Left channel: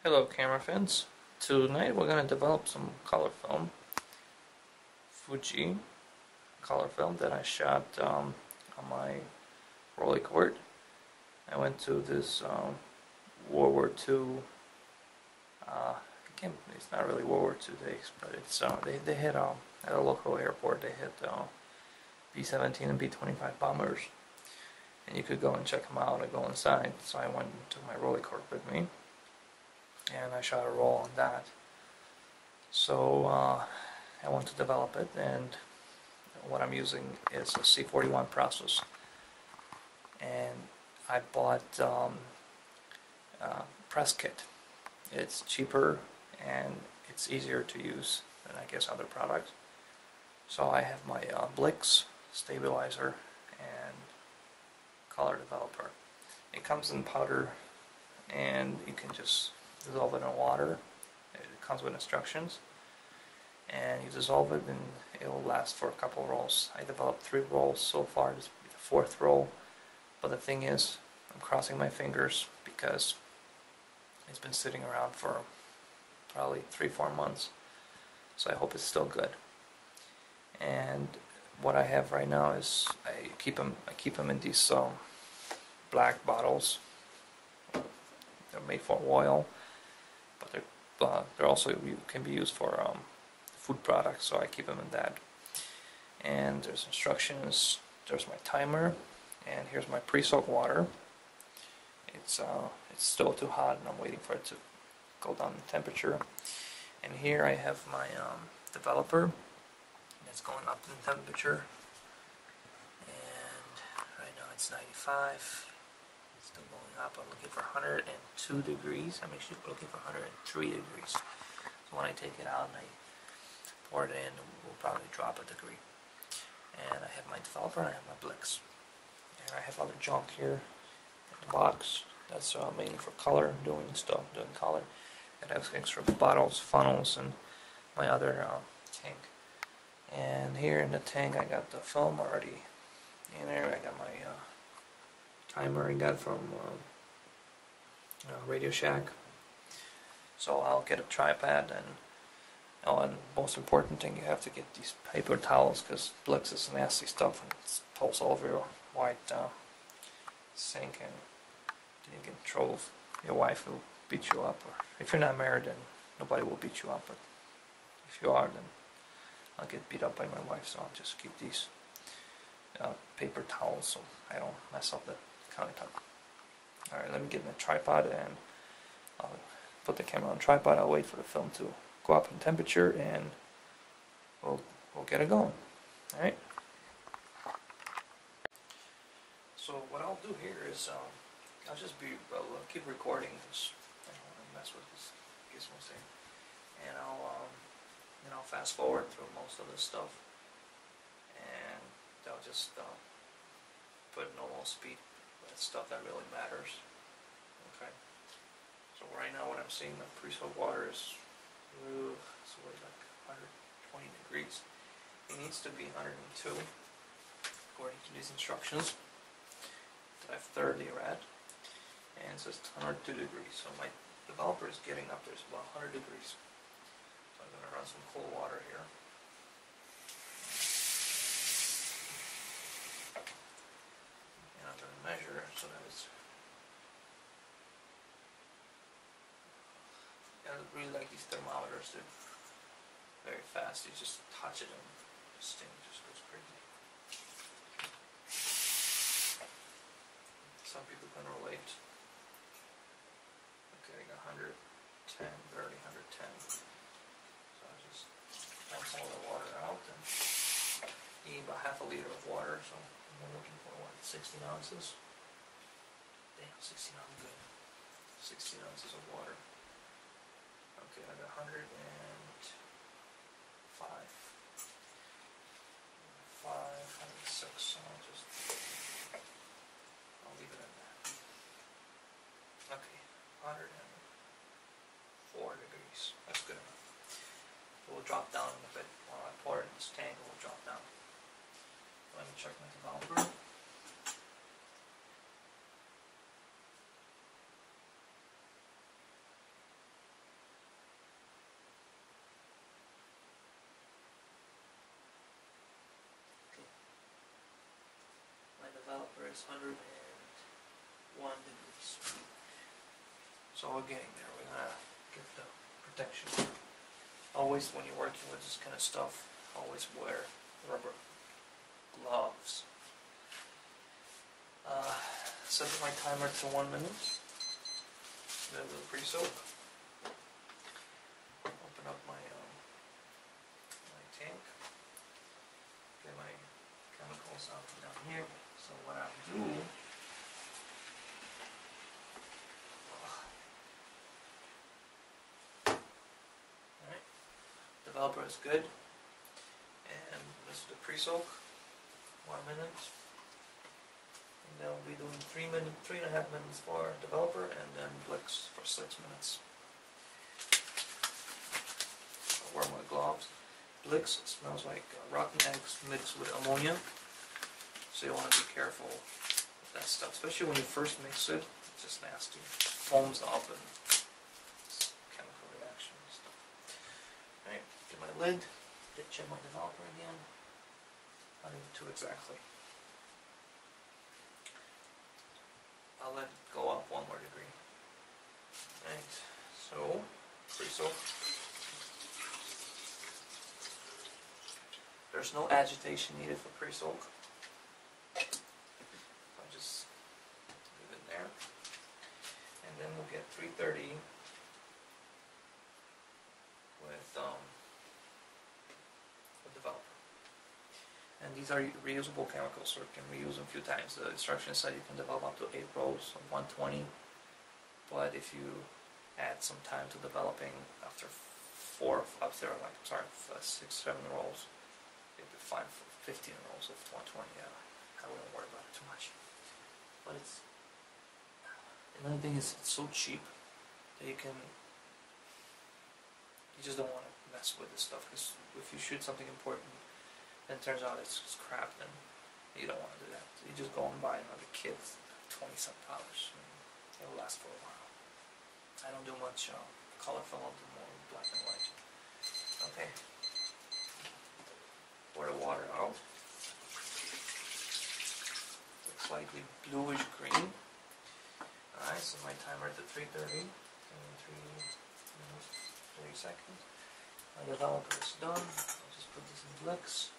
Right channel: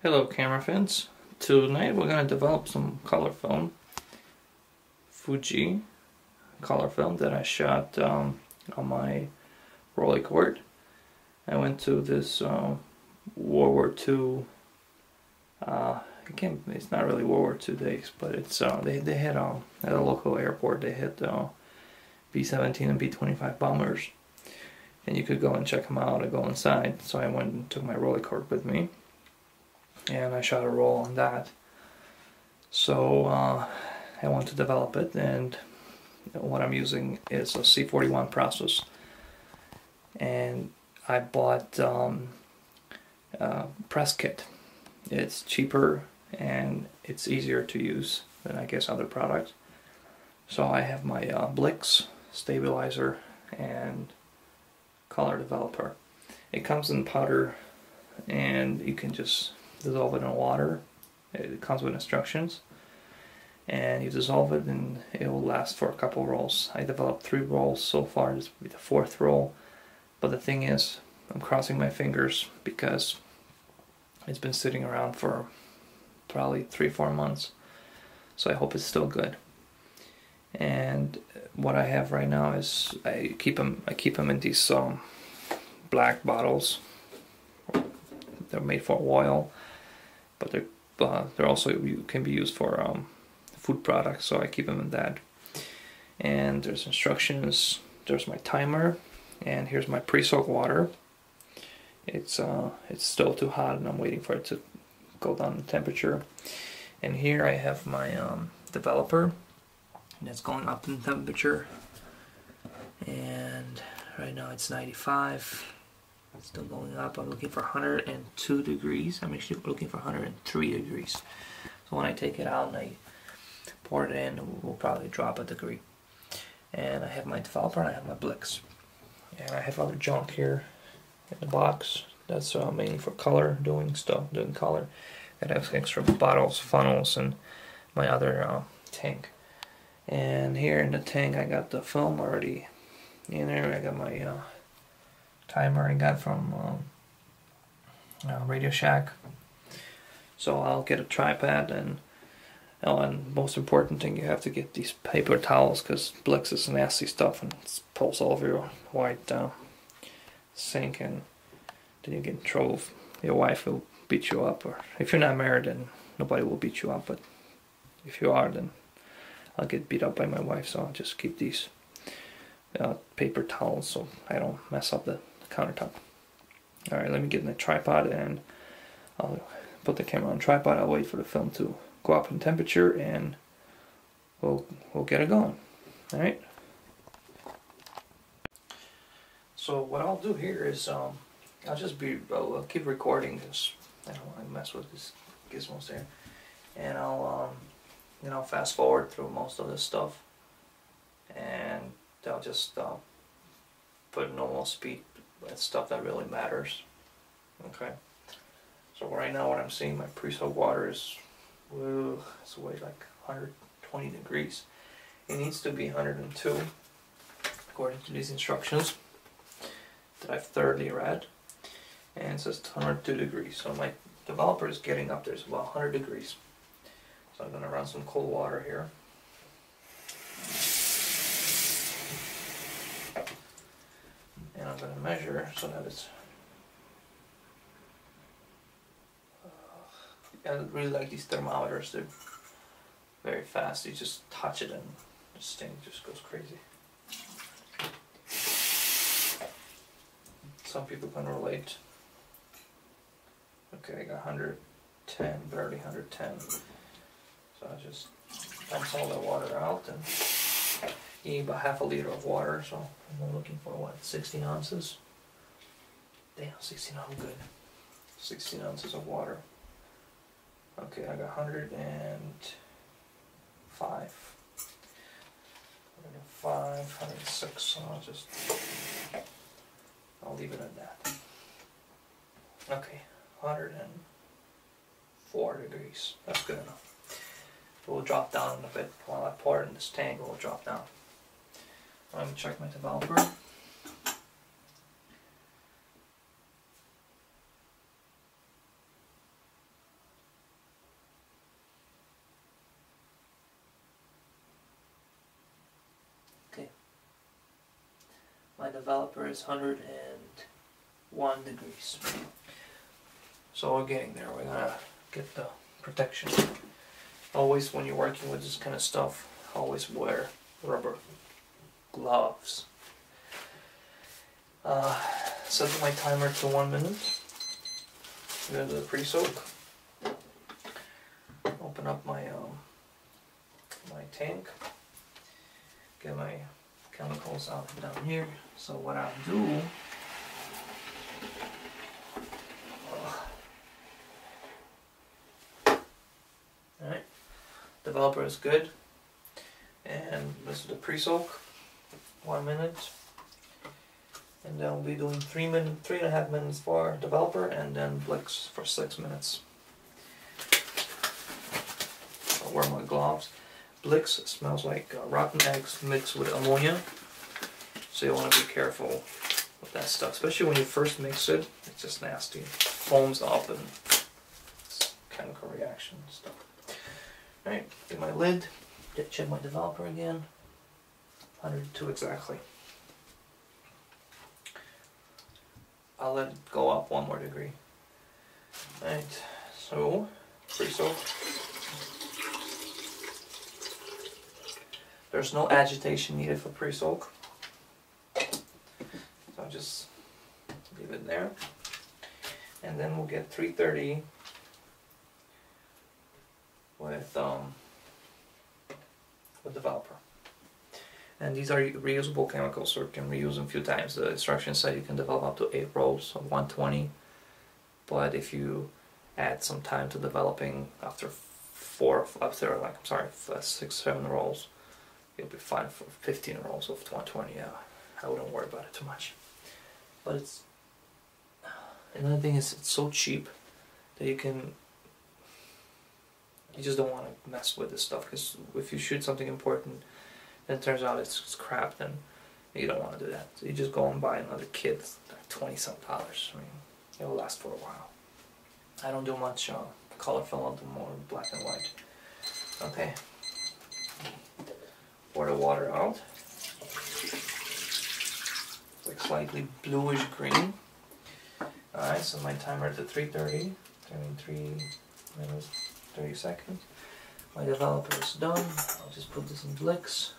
Hello camera fans. Tonight we're going to develop some color film. Fuji color film that I shot on my Rolleicord. I went to this World War II, it's not really World War II days, but it's they had at a local airport they had B-17 and B-25 bombers, and you could go and check them out and go inside. So I went and took my Rolleicord with me, and I shot a roll on that. So I want to develop it, and what I'm using is a C41 process, and I bought press kit. It's cheaper and it's easier to use than I guess other products. So I have my Blix stabilizer and color developer. It comes in powder and you can just dissolve it in water. It comes with instructions, and you dissolve it and it will last for a couple rolls. I developed 3 rolls so far. This will be the 4th roll, but the thing is, I'm crossing my fingers because it's been sitting around for probably 3-4 months, so I hope it's still good. And what I have right now is I keep them in these black bottles. They're made for oil, but they're also can be used for food products, so I keep them in that. And there's instructions. There's my timer, and here's my pre-soaked water. It's still too hot, and I'm waiting for it to go down in temperature. And here I have my developer, and it's going up in temperature. And right now it's 95. It's still going up. I'm looking for 102 degrees. I'm actually looking for 103 degrees. So when I take it out and I pour it in, it will probably drop a degree. And I have my developer and I have my Blix. And I have other junk here in the box that's mainly for color, doing color. I have extra bottles, funnels, and my other tank. And here in the tank I got the film already in there. I got my timer I got from Radio Shack. So I'll get a tripod, and most important thing, you have to get these paper towels, because Blix is nasty stuff and it pulls all over your white sink, and then you get in trouble. Your wife will beat you up, or if you're not married, then nobody will beat you up, but if you are, then I'll get beat up by my wife. So I'll just keep these paper towels so I don't mess up the countertop. Alright, let me get in the tripod, and I'll put the camera on tripod. I'll wait for the film to go up in temperature, and we'll get it going. Alright? So what I'll do here is I'll keep recording this. I don't want to mess with this gizmos there. And I'll fast forward through most of this stuff, and I'll just put normal speed. That's stuff that really matters. Okay. So right now, what I'm seeing, my pre-soaked water is it's way like 120 degrees. It needs to be 102 according to these instructions that I've thoroughly read, and it says 102 degrees. So my developer is getting up there. It's about 100 degrees. So I'm going to run some cold water here. And I'm going to measure so that it's... I really like these thermometers. They're very fast. You just touch it and this thing just goes crazy. Some people can relate. Okay, I got 110, barely 110. So I just dumps all that water out, and you need about half a liter of water, so I'm looking for what, 16 ounces? Damn, 16 ounces, good. 16 ounces of water. Okay, I got 105. 106, so I'll leave it at that. Okay, 104 degrees, that's good enough. It will drop down in a bit. While I pour it in this tank, it will drop down. Let me check my developer. My developer is 101 degrees. So we're getting there. We're gonna get the protection. Always when you're working with this kind of stuff, always wear rubber gloves. Setting my timer to 1 minute. I'm gonna do the pre-soak. Open up my my tank. Get my chemicals out down here. So what I'll do, alright, developer is good, and this is the pre-soak, 1 minute, and then we'll be doing 3.5 minutes for developer, and then Blix for 6 minutes. I'll wear my gloves. Blix smells like rotten eggs mixed with ammonia, so you want to be careful with that stuff, especially when you first mix it. It's just nasty, it foams up and it's chemical reaction and stuff. Alright, get my lid, check my developer again, 102 exactly. I'll let it go up 1 more degree. Alright, so pre-soak. There's no agitation needed for pre-soak. So I just leave it there. And then we'll get 330 with developer. And these are reusable chemicals, so you can reuse them a few times. The instructions say you can develop up to 8 rolls of 120, but if you add some time to developing after 6, 7 rolls, you'll be fine for 15 rolls of 120. Yeah, I wouldn't worry about it too much. But it's another thing is it's so cheap that you just don't want to mess with this stuff, because if you shoot something important and it turns out it's crap, then you don't want to do that. So you just go and buy another kit, $20-some. I mean, it'll last for a while. I don't do much color film, I'll do more black and white. Okay. Pour the water out. It's like slightly bluish green. Alright, so my timer is at 3:30. 3 minutes, 30 seconds. My developer is done. I'll just put this in Blix.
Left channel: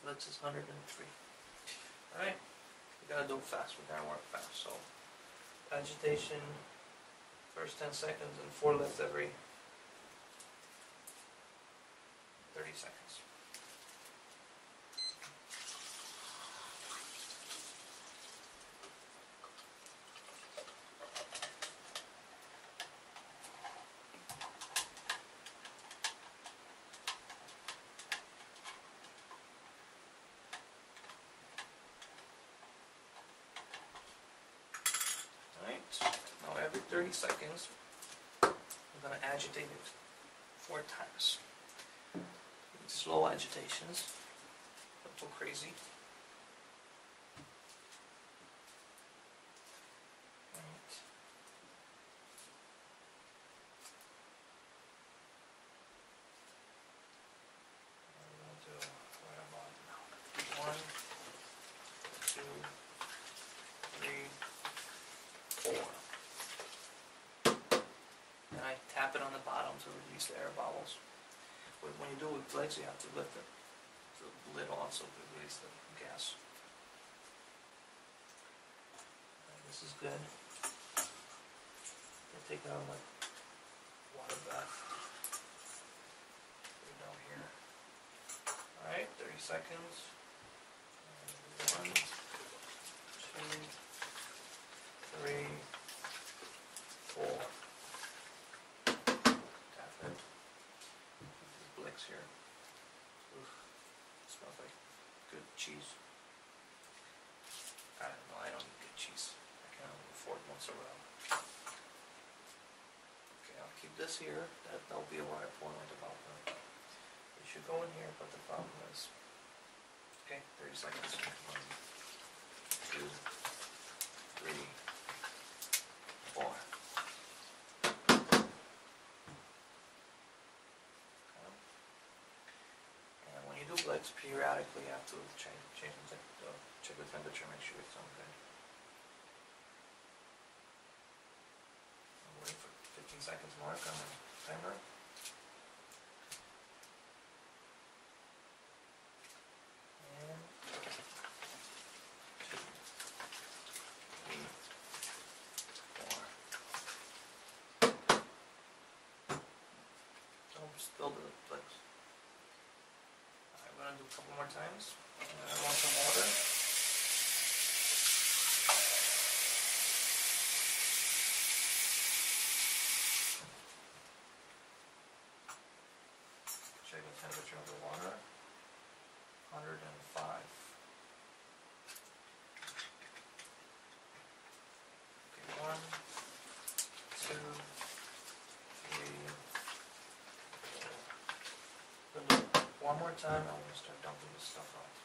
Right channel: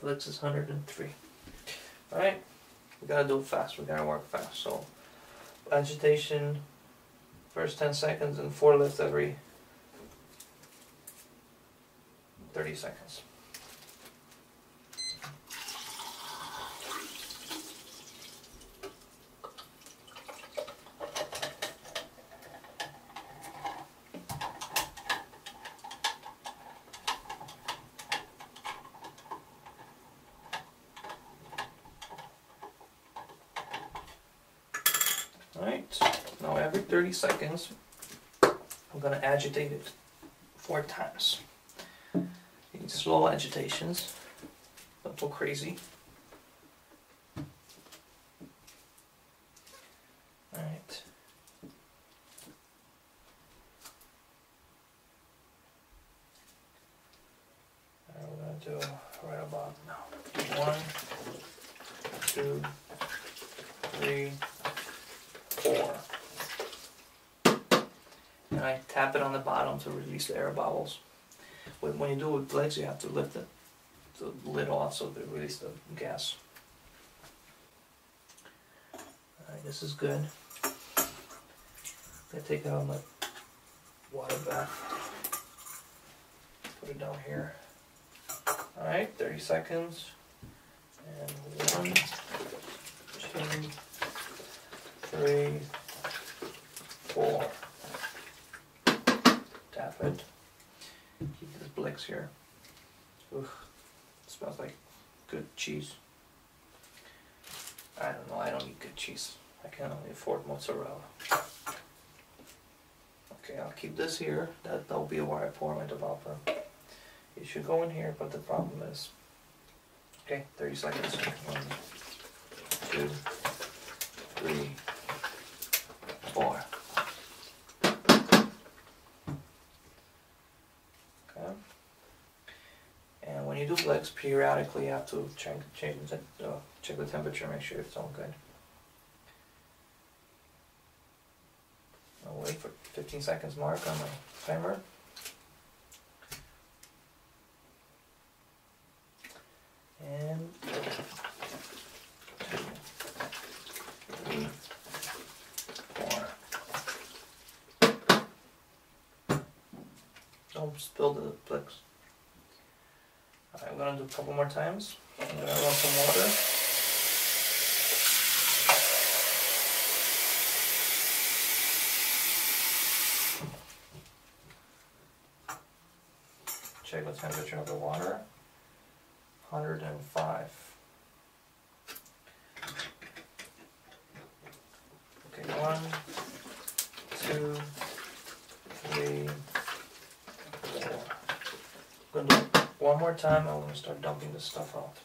Blix is 103. Alright, we gotta do it fast. We gotta work fast. So, agitation, first 10 seconds, and 4 lifts every 30 seconds. Alright, now every 30 seconds, I'm going to agitate it 4 times. You need slow agitations, don't go crazy. Alright. We're going to do right about now. 1, 2, 3, 4. And I tap it on the bottom to release the air bubbles. When you do it with Blix, you have to lift the lid off so to release the gas. Alright, this is good. I take it out of my water bath. Put it down here. Alright, 30 seconds. And 1, 2, 3, 4. Tap it. Keep this Blix here. Oof. It smells like good cheese. I don't know, I don't eat good cheese. I can only afford mozzarella. Okay, I'll keep this here. That'll be where I pour my developer. It should go in here, but the problem is... Okay, 30 seconds. 1, 2, 3, 4. Okay. periodically you have to check the temperature, make sure it's all good. I'll wait for 15 seconds mark on the timer. And 2, 3, 4. Don't spill the Bliks. Alright, I'm going to do a couple more times. I'm going to run some water. Check the temperature of the water. 105. Okay, 1, 2, 3, 4. I'm going to do it one more time. I want to start dumping this stuff out.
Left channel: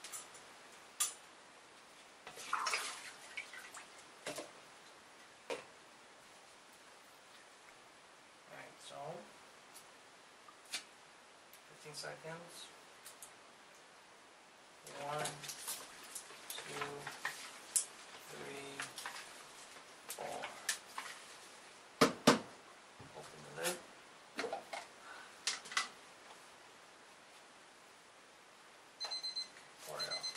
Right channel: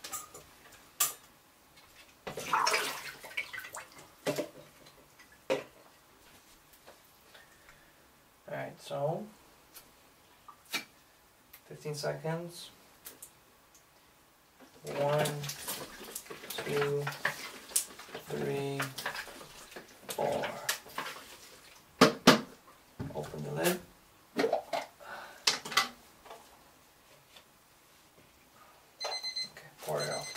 Alright, so 15 seconds. 1, 2, 3, 4. Open the lid. Okay, pour it out.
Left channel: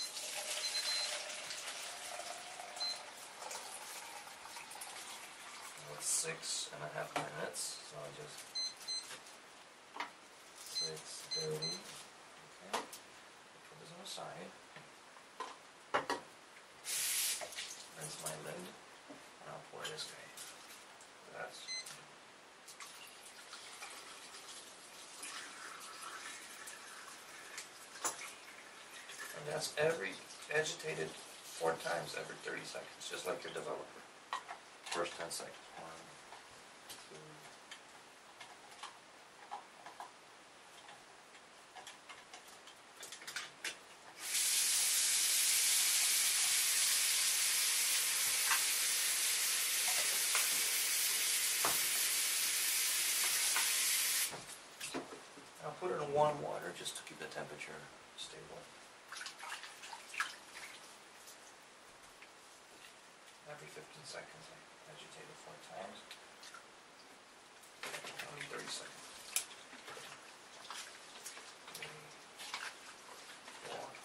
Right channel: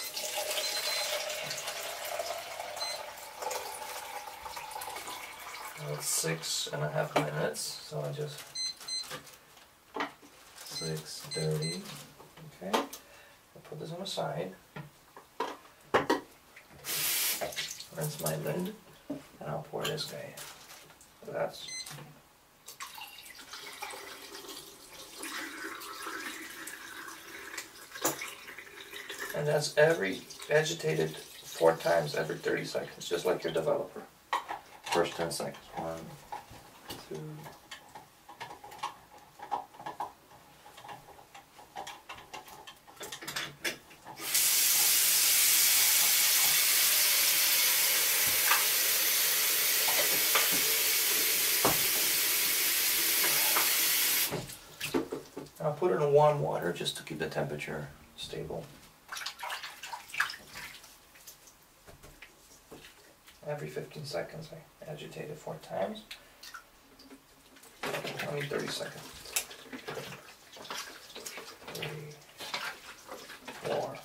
Now it's 6.5 minutes, so I just 6:30. Okay, I'll put this on the side. Rinse my lid, and I'll pour this guy in. So that's agitated 4 times every 30 seconds, just like your developer. First 10 seconds. 1, 2. I'll put it in warm water just to keep the temperature stable. Every 15 seconds I agitate it 4 times. Only 30 seconds. 3, 4.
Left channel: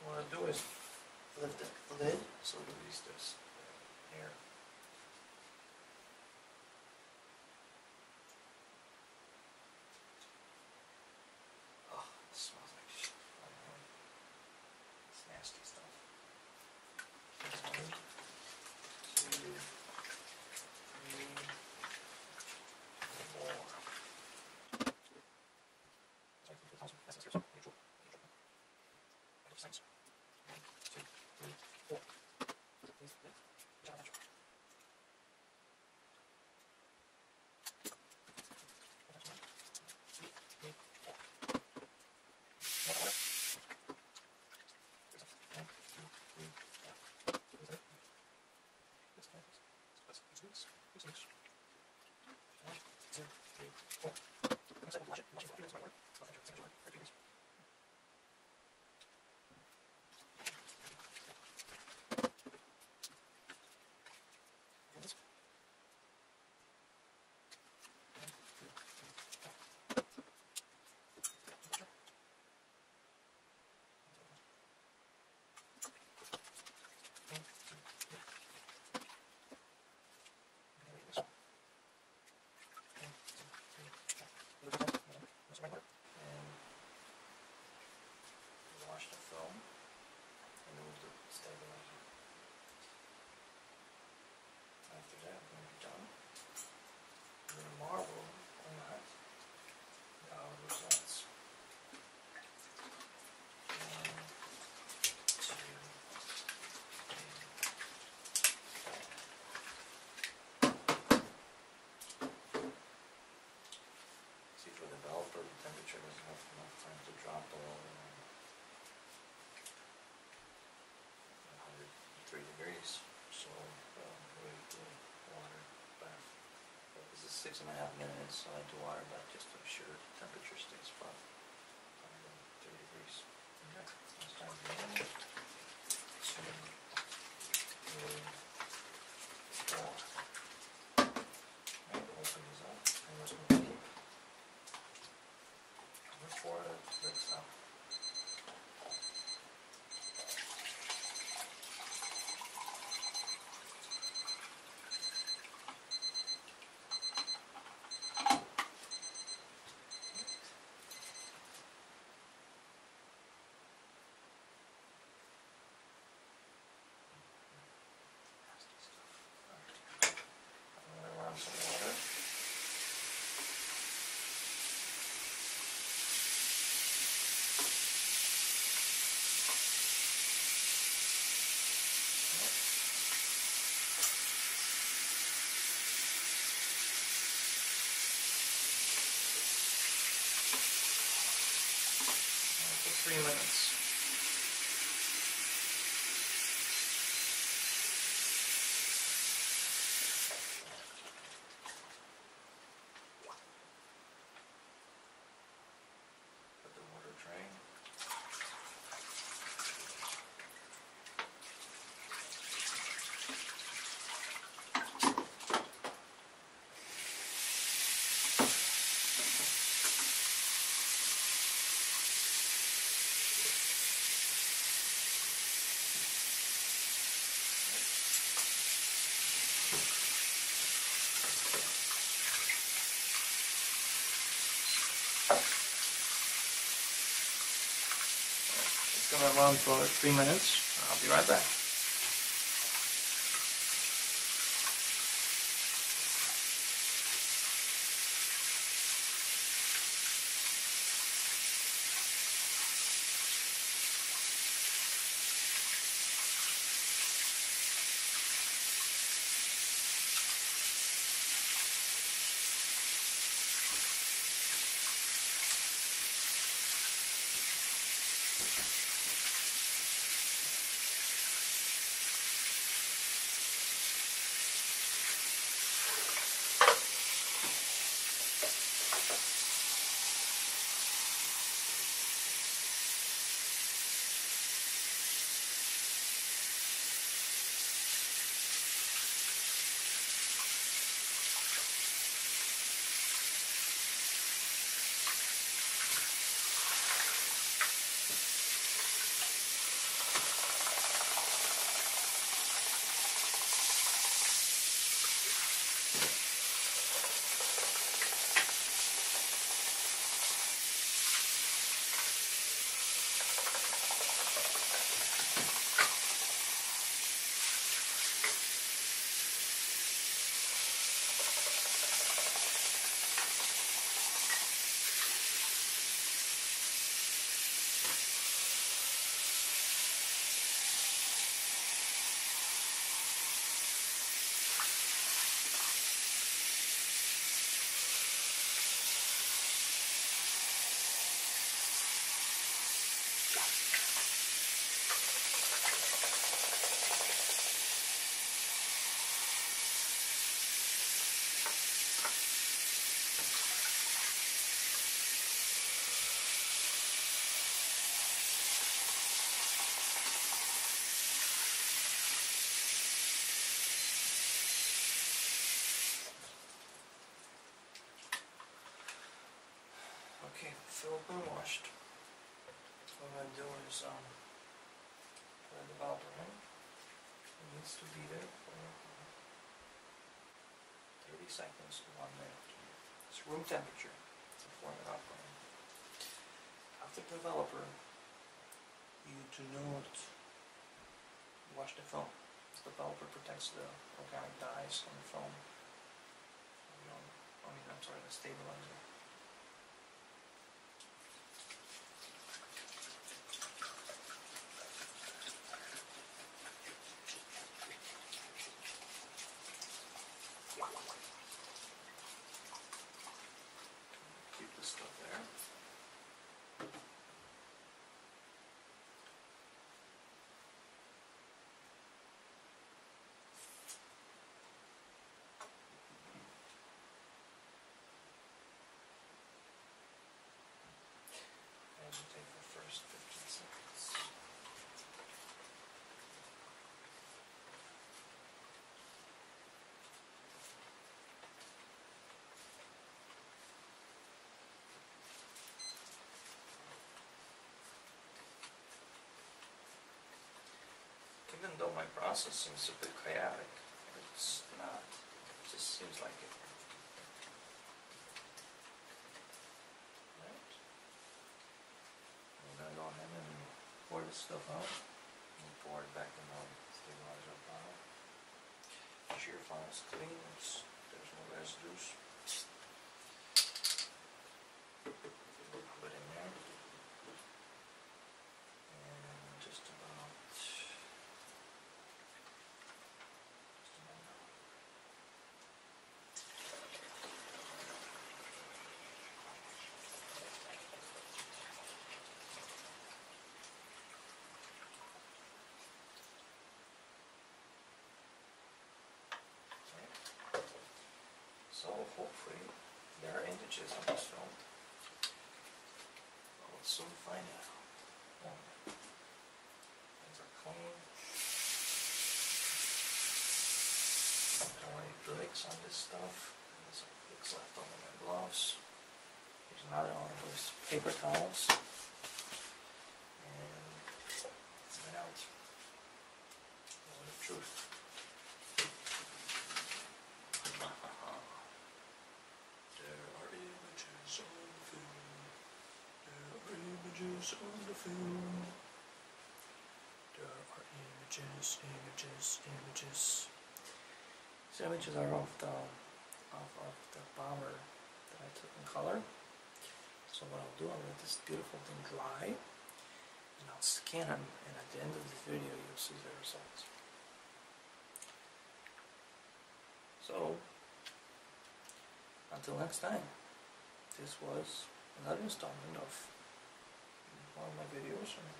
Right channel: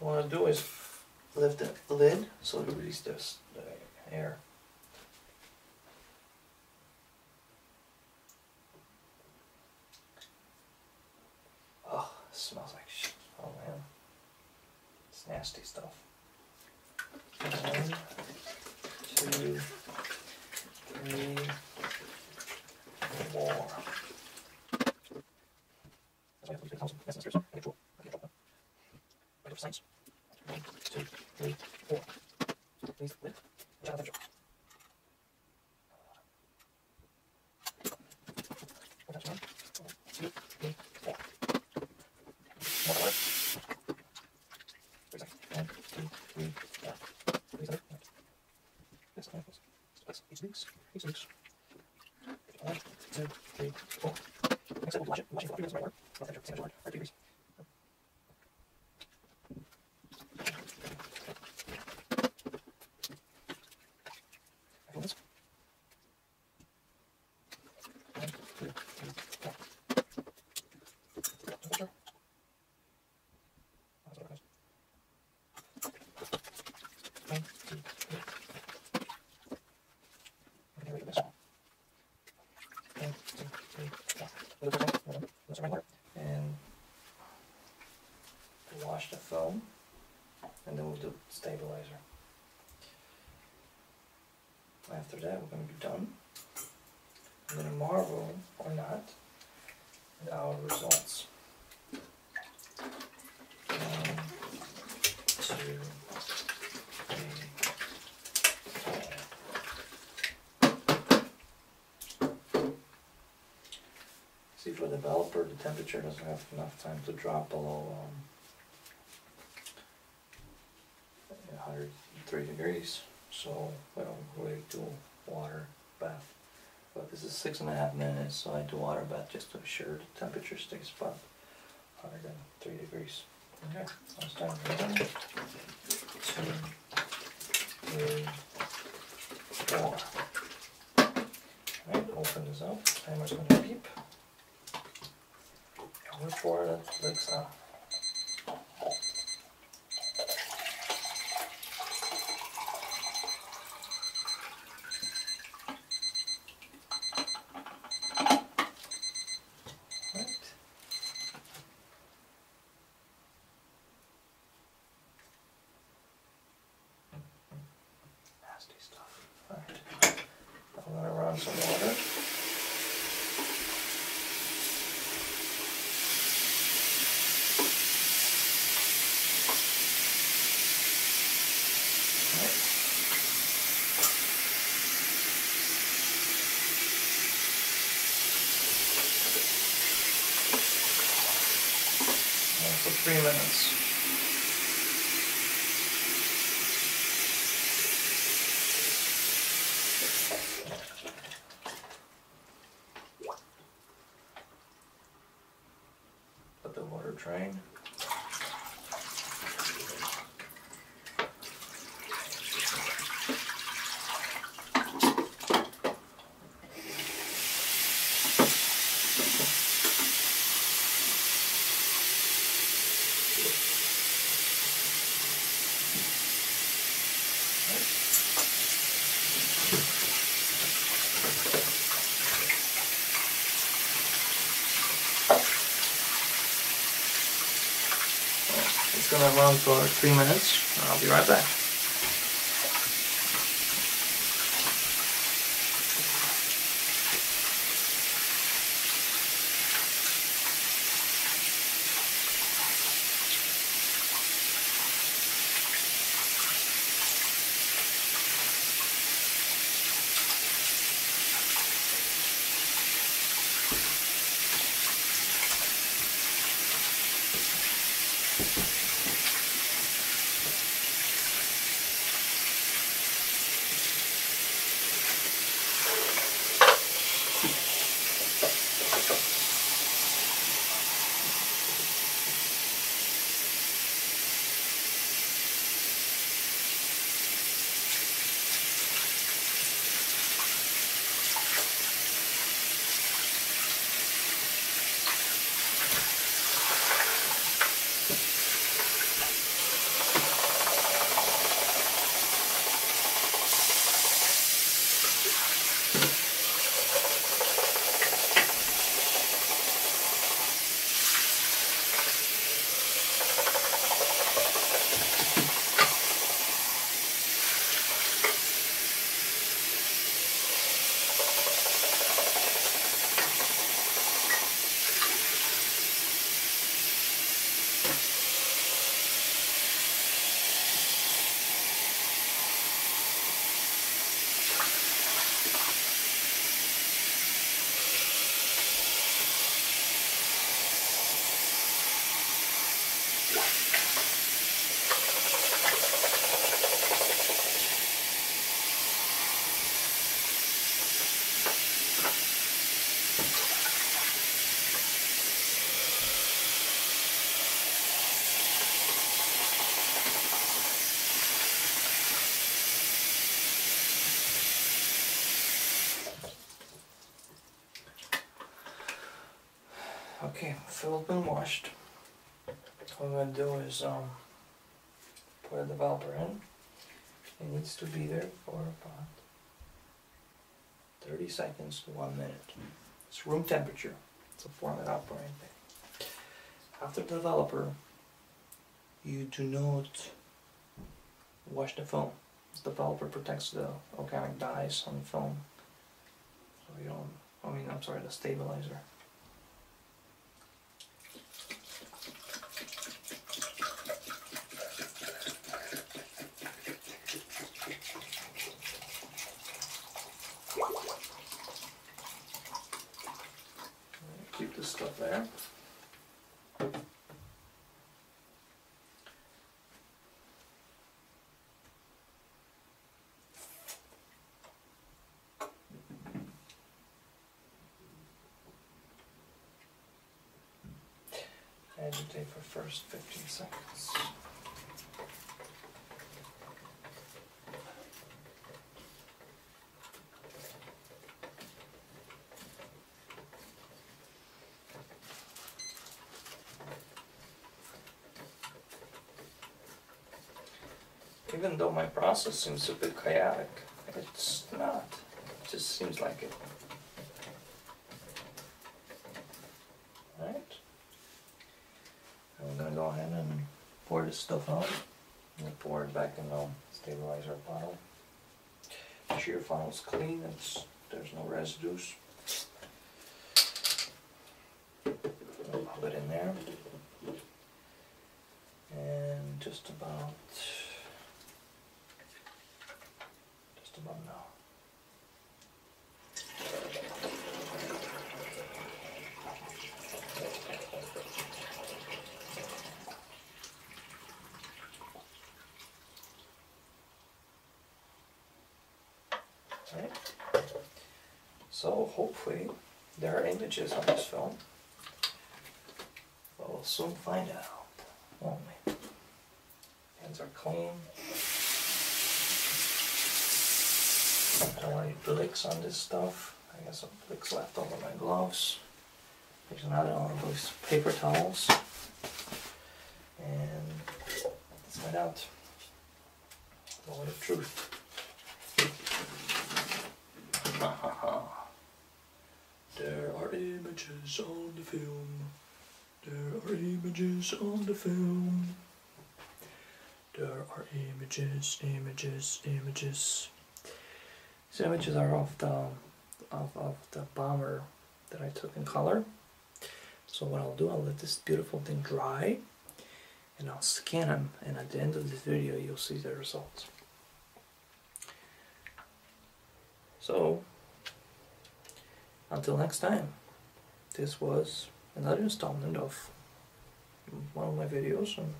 What I want to do is lift the lid so to release this air. Oh, it smells like shit. Oh man. It's nasty stuff. 1, 2, 3, 4. Science. 1, 2, 3, 4. Please lift. Check the temperature. That's 1, 2, 3, 4. More water. 3 seconds. 1, 2, 3, 4. Please lift. This one. Let's each loose. Each loose. 1, 2, 3, 4. Next time we'll watch it. Watch it for 3 minutes right water. Not temperature. Same as water. 30 degrees. And wash the film, and then we'll do stabilizer. After that, we're going to be done. I'm going to marvel, or not, at our results. 1, 2, 3, 4. See, for the developer, the temperature doesn't have enough time to drop below 103 degrees. So we don't really do water bath. But this is 6.5 minutes, so I do water bath just to ensure the temperature stays above hotter than 3 degrees. Okay, I'll start moving. 2, 3, 4. Alright, open this up. Timer's gonna beep. Cover for the Blicks on. Nasty stuff. Alright. I'm gonna run some water. For 3 minutes. Let the water drain. It's gonna run for 3 minutes. I'll be right back. Okay, filled and washed. What I'm going to do is put a developer in. It needs to be there for about 30 seconds to 1 minute. It's room temperature, so warm it up or anything. After the developer, you do not wash the foam. The developer protects the organic dyes on the foam. So you don't, I'm sorry, the stabilizer. Keep this stuff there. agitate for first 15 seconds. Even though my process seems a bit chaotic, it's not. It just seems like it. Right? I'm going to go ahead and pour this stuff out. And pour it back in the stabilizer bottle. Make sure your funnel is clean, there's no residues. I'll put it in there. And just about now. Right. So hopefully there are images on this film. But we'll soon find out, won't we? Hands are clean. I don't want any flicks on this stuff. I got some flicks left over my gloves. There's another one of those paper towels. And let's find out more of the truth. There are images on the film. There are images on the film. There are images, images, images. These images are of the bomber that I took in color. So what I'll do, I'll let this beautiful thing dry, and I'll scan them, and at the end of this video you'll see the results. So, until next time, this was another installment of one of my videos, and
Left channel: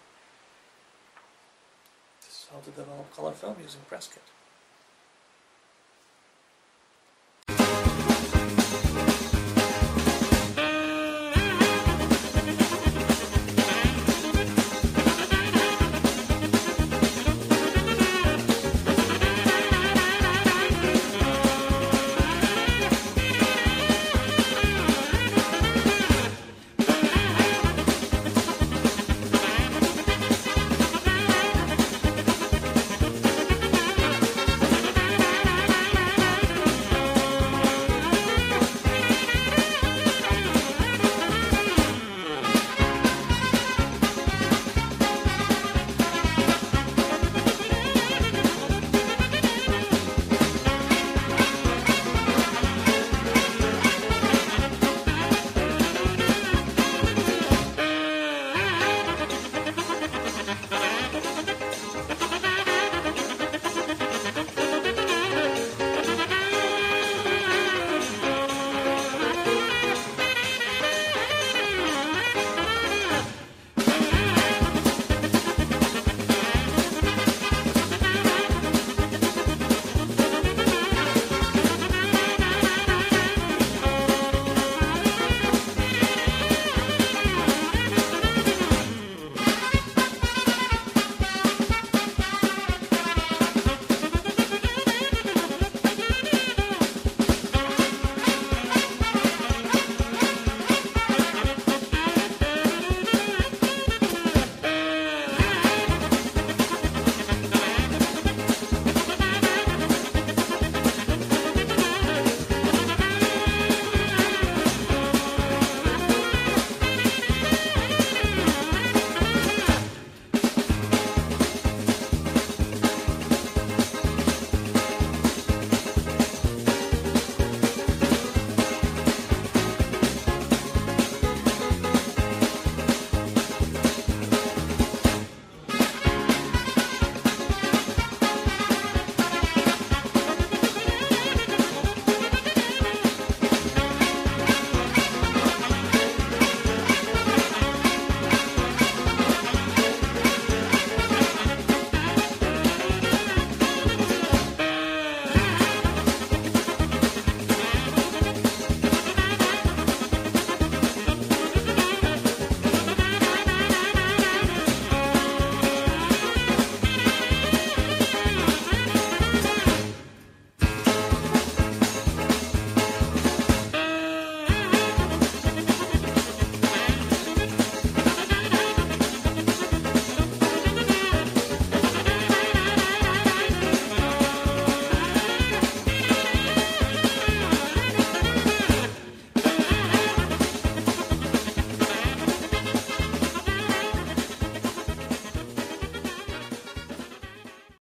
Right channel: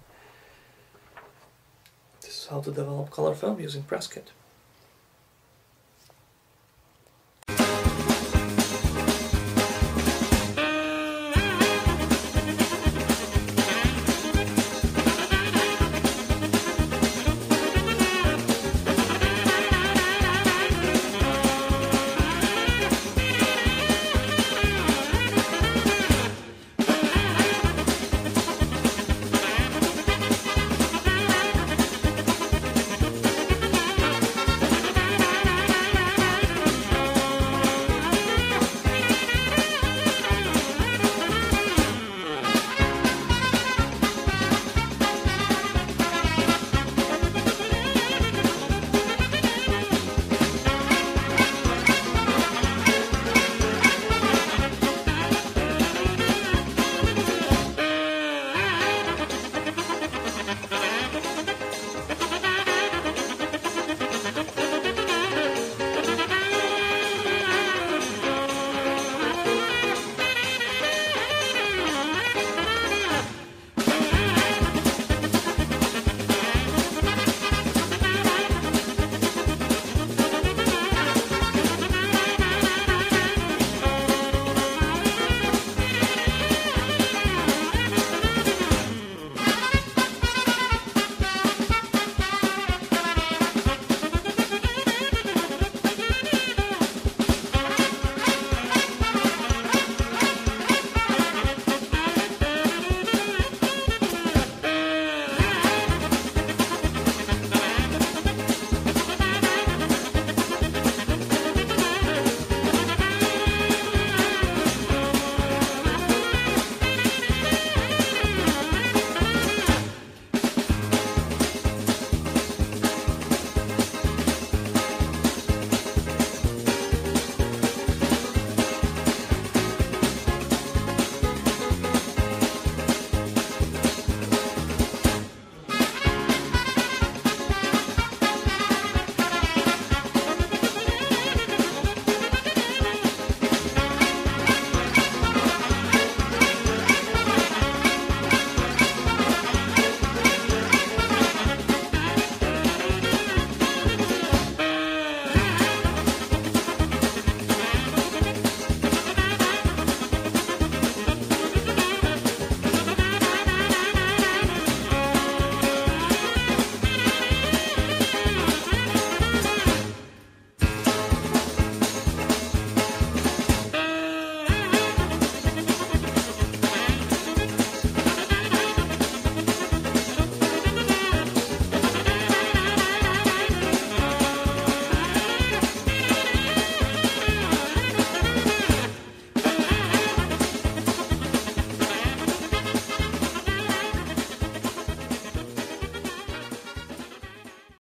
this is how to develop color film using PressKit.